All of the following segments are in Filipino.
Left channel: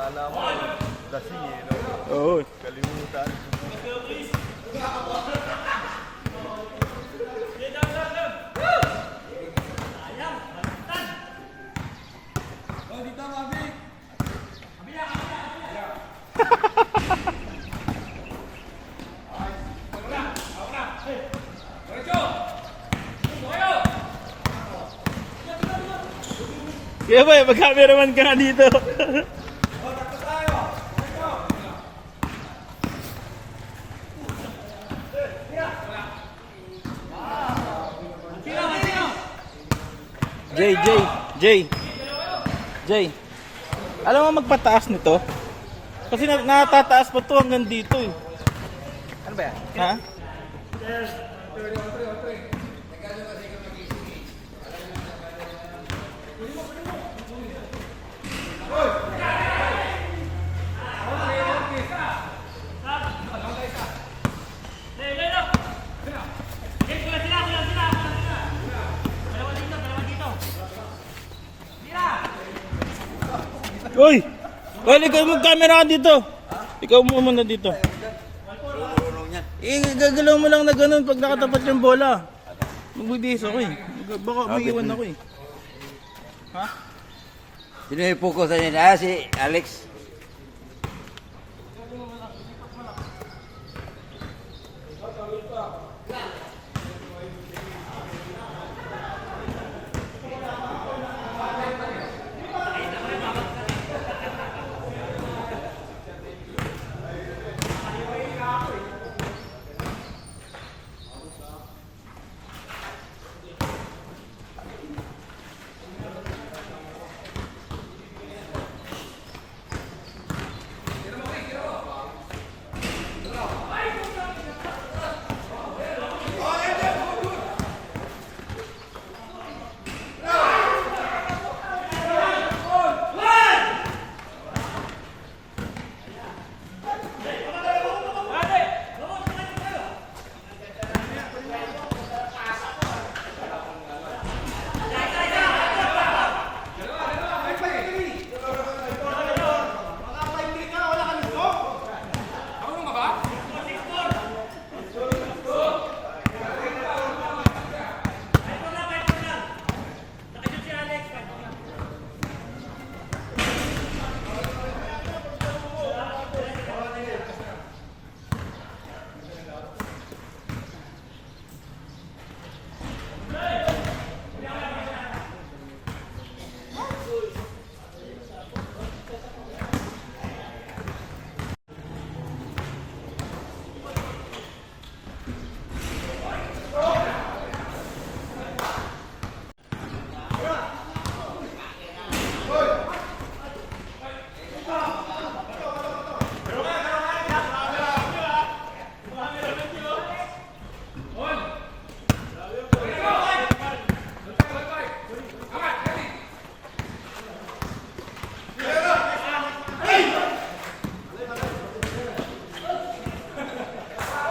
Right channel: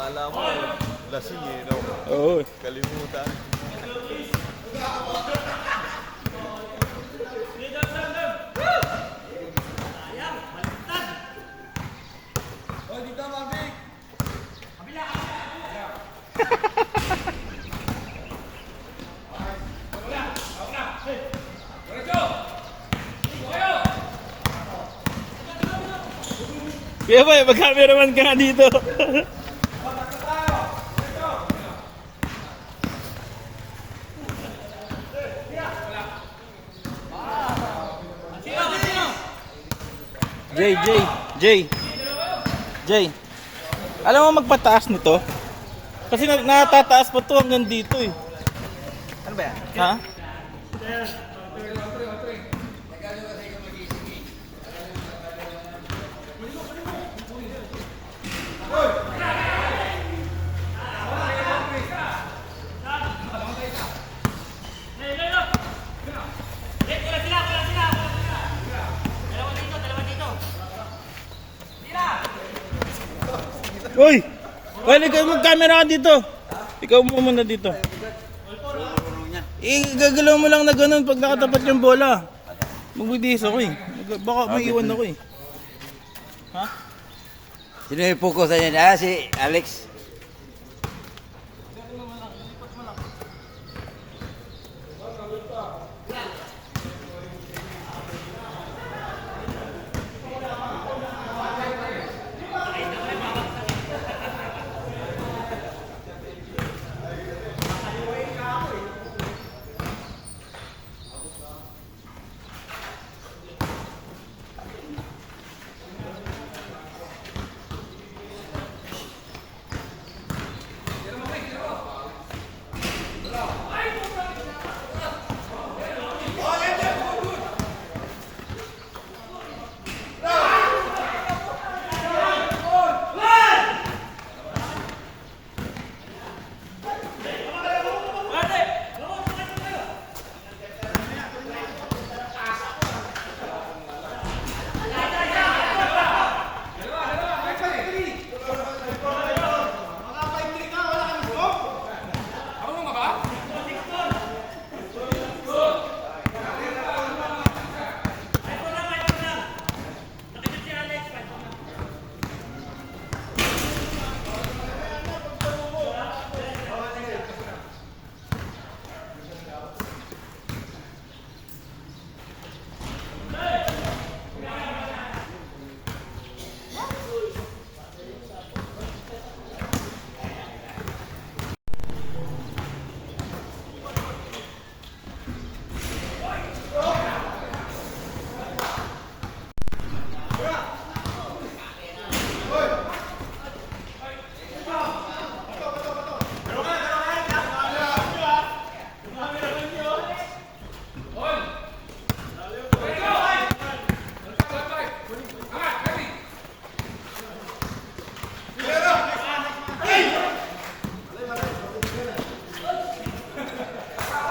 Kala mo, lasing eh, no? Oo. Kalimutan. Kaya ba, mag-cameraman ka na dito. Jay. Alam mo magpataas nito? Kasi natataas pa to hanggang dito eh. Ano ba yan? Ha? Uy! Well, ikaw mag-camera ka dito. Ikaw mo muna dito. Gagalaw mo lang na ganun pag nakatapat yung bola. Magbibihis ako eh. Baka may iwan ako eh. Ha? Sino yung focus na yan? Ah, si Alex.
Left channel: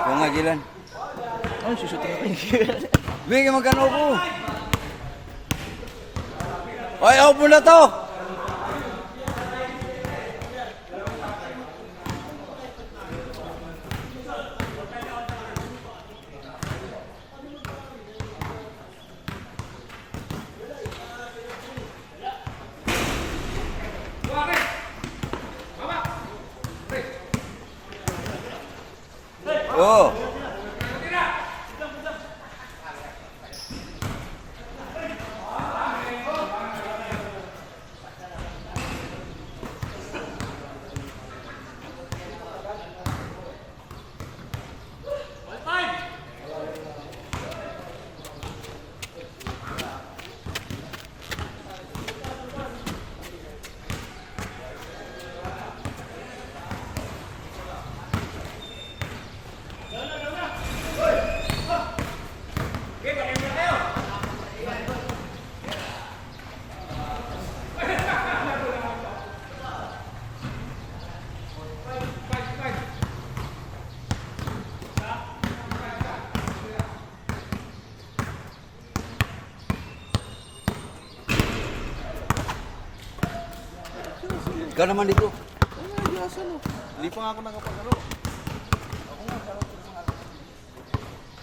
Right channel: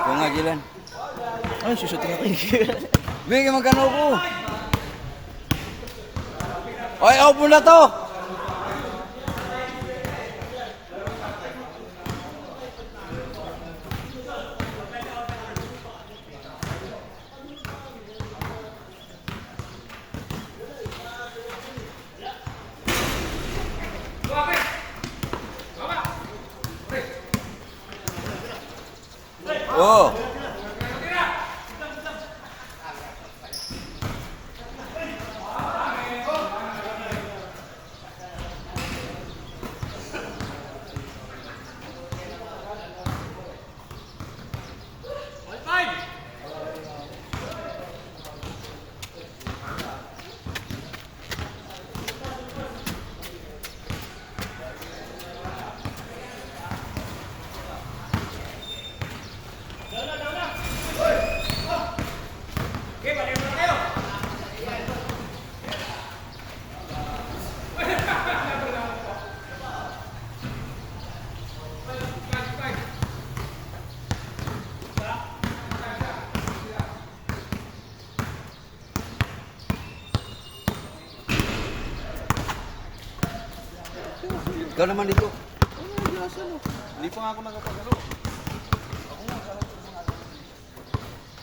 Ikaw nga, Jilan. Ay, susutin ako eh. Bigyan magkano ko. Oy, open na to. Oh. Ka naman dito. Hindi pa nga ako nakapagano.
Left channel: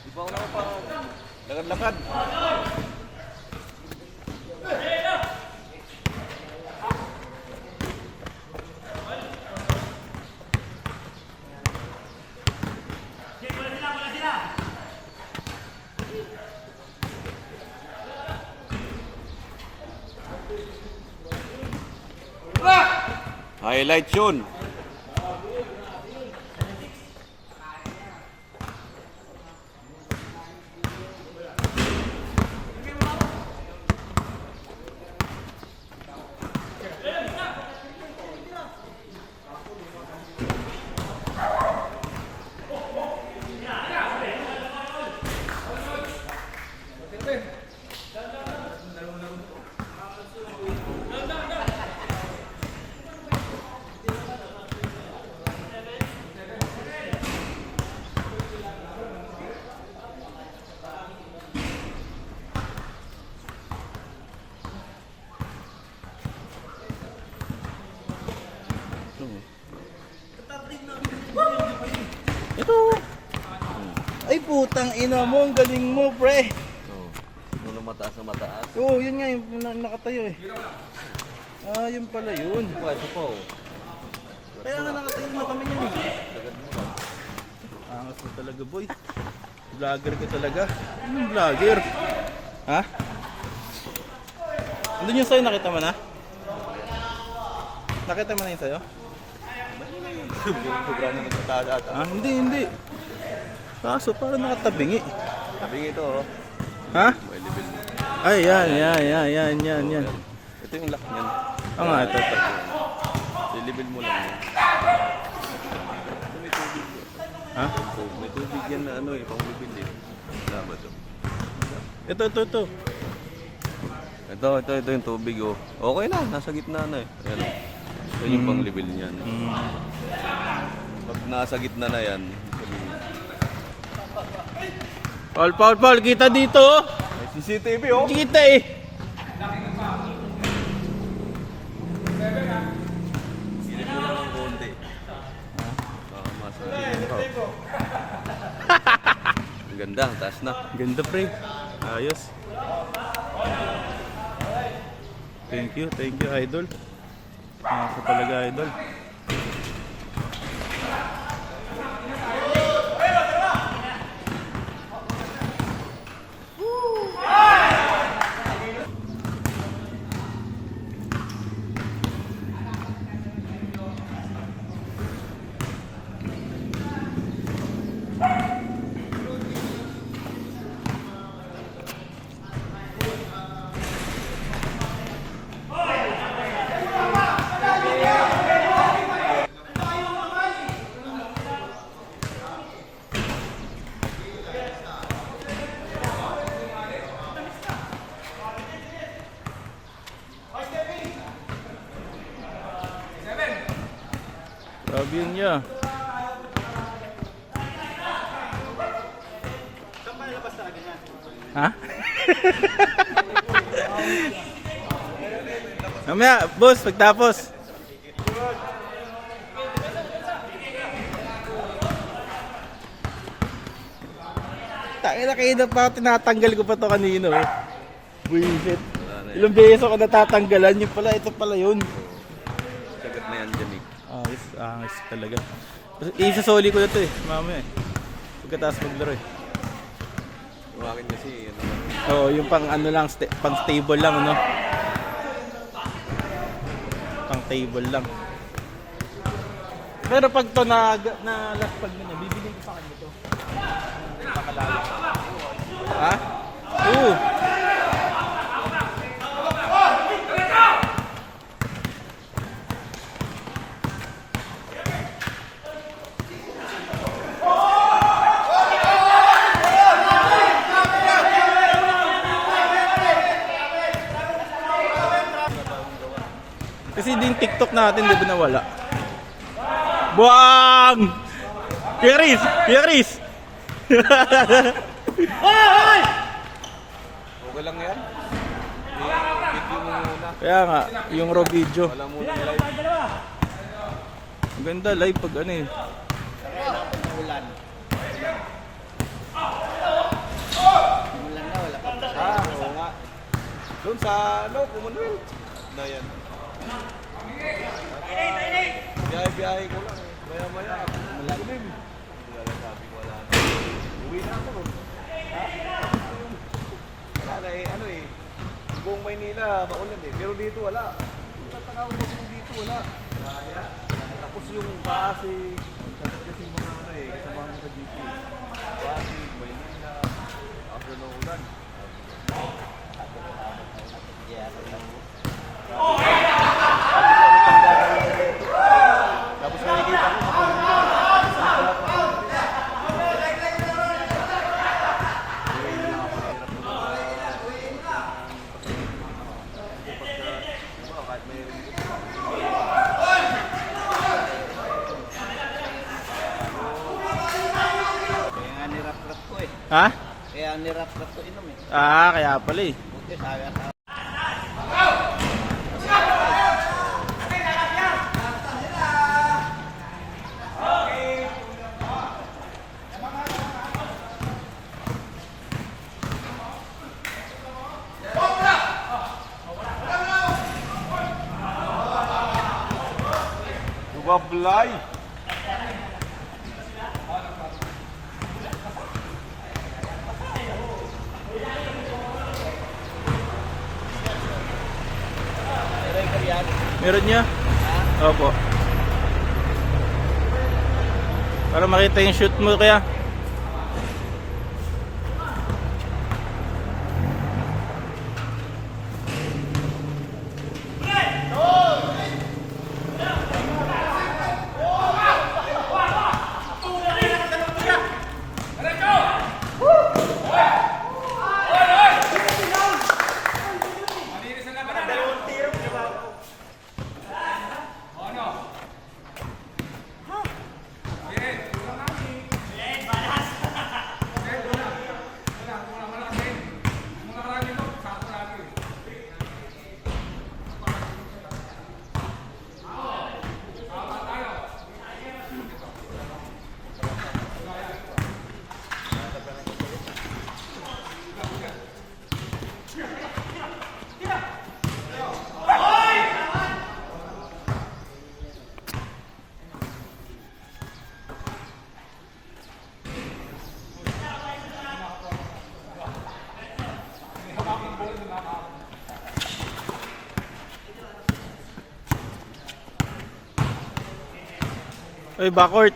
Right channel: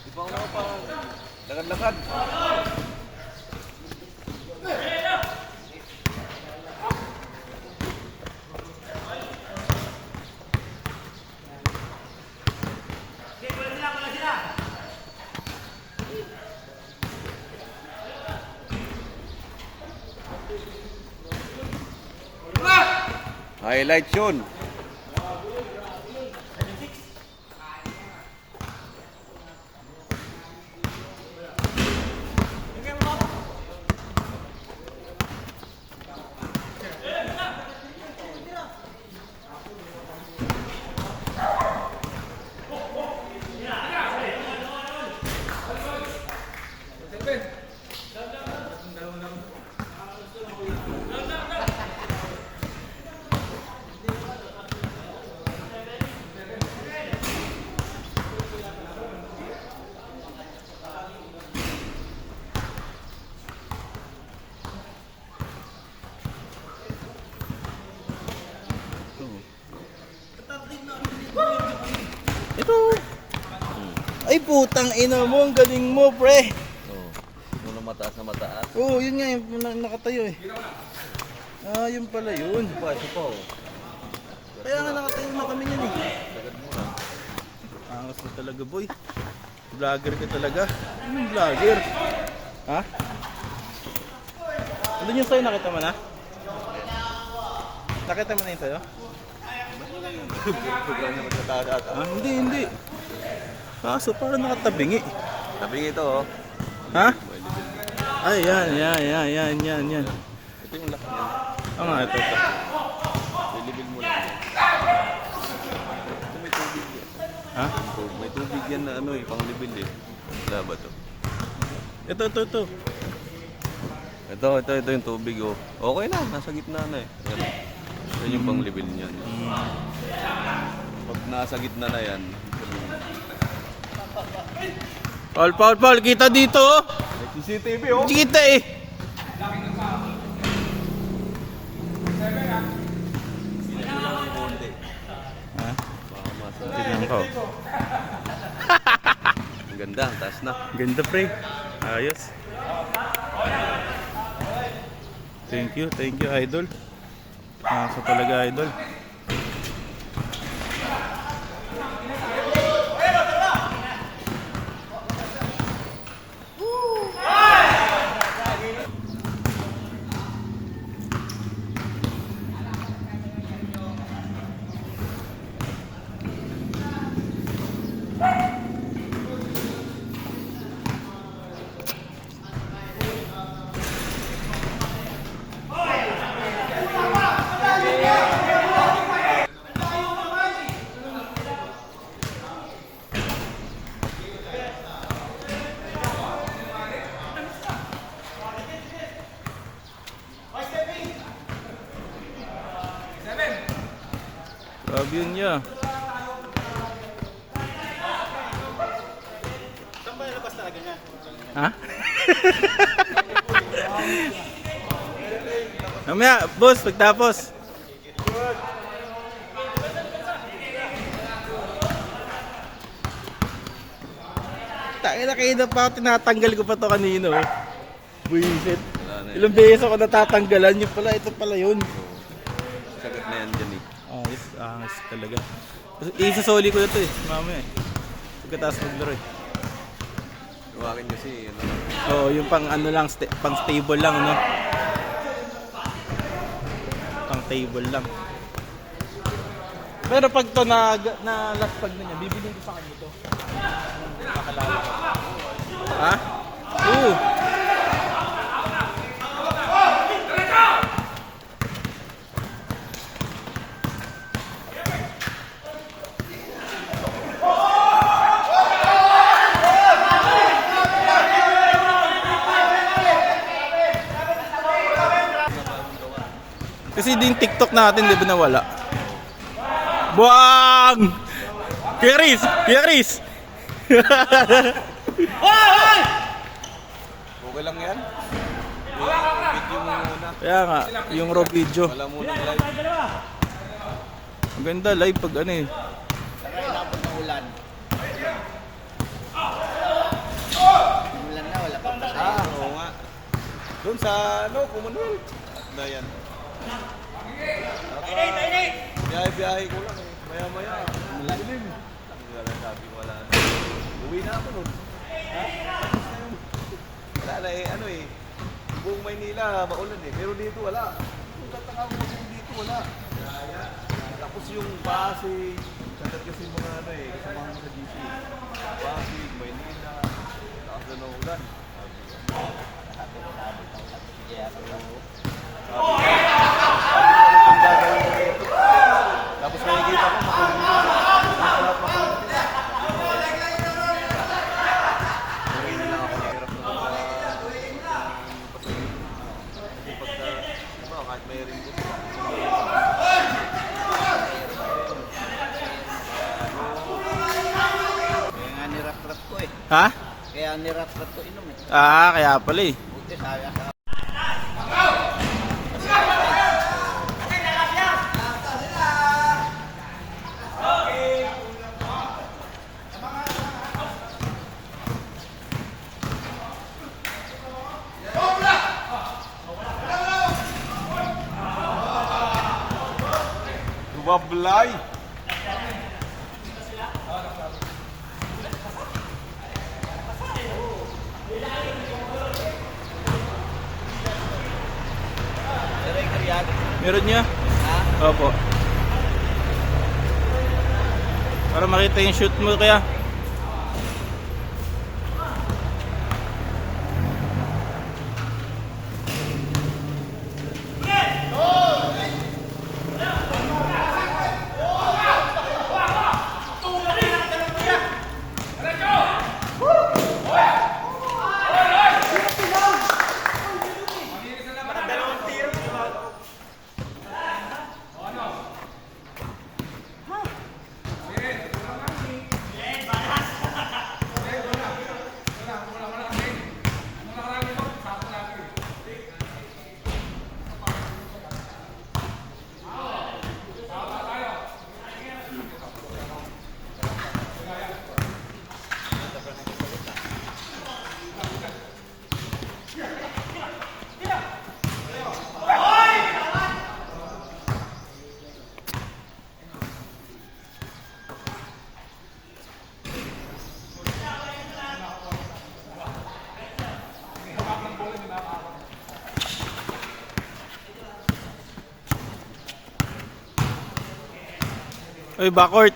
Hindi pa ako nakapagano. Lakad-lakad. Highlight yun. Ito. Ay putang ina mo, ang galing mo, pre. Oh, muna mataas na mataas. Oo, yun nga yung nakatayo eh. Ah, yun pala yun. Ito pa oh. Kaya nga nakatayo na kami niyan eh. Sagad mo lang. Angas mo talaga, boy. Vlogger ka talaga. Anong vlogger? Ha? Andun yung sa'yo, nakita mo na? Nakita mo na yung sa'yo? Programa ng pagkakata. Ah, hindi. Kaso parang nakatabingi. Sabi ito oh. Ha? May level. Ay, yan. Ito yung laki niyan. Oo nga, ito. I-level mo lang. Ito may tubig yan. Ha? May tubig yan na ano eh, pang level eh. Wala ba ito? Ito. Ito yung tubig oh. Okay lang, nasa gitna na eh. Ayan. Ito yung pang level niyan. Pag nasa gitna na yan, Paul, kita dito. may CCTV oh. Kita eh. Baka masasabi ko. Ang ganda, ang taas na. Ganda, pre. Ayos. Thank you, idol. Sa talaga, idol. Grabe yun niya. Ha? Mamaya, boss, pagtapos. Tangina kayo na pa, tinatanggal ko pa to kanino eh. Buisit. Ilang beses ako natatanggalan, yun pala, ito pala yun. Sagot na yan ganit. Ayos talaga. Isasoli ko na to eh, mamaya eh. Pagkatapos maglaro eh. Tumakin kasi, ano, Oo, yung pang ano lang, pang stable lang, no? Pang table lang. Pero pag to na last pag na bibilin ko sa kanya to. Ha? Oo. Kasi din TikTok natin di ba nawala? Buang! Kuya Riz! okay lang yan. Video mo muna. Kaya nga, yung raw video. Wala muna live. Maganda live pag ano eh. Kailangan pa ng ulan. Ulan na, wala pang masaya. Oo nga. Doon sa ano, Commonwealth. Na yan. Biyahe-biyahe ko lang eh. Maya-maya. Malalim. Wala sabi ko wala na. Uwi na ako nun. Wala na eh, ano eh. Buong Maynila, maulan eh. Pero dito wala. Yung tatanga mo dito wala. Tapos yung Pasig, kasi mga ano eh, kasama mo sa dito. Pasig, Maynila, ako na ulan. Tapos nakikita ko, makulit din. Masarap makulit din. Kahit may ring dito. Kaya nga nirap-rap ko eh. Ha? Kaya nirap-rap ko inom eh. Ah, kaya pala eh. Buti sabi sa Wablay! striker yan. Meron niya? Ha? Opo. Para makita yung shoot mo kaya. Oy, backcourt.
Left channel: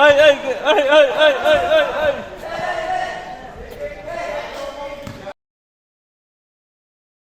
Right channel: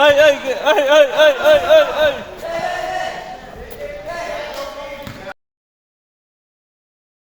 Ay, ay, ay, ay, ay, ay, ay, ay.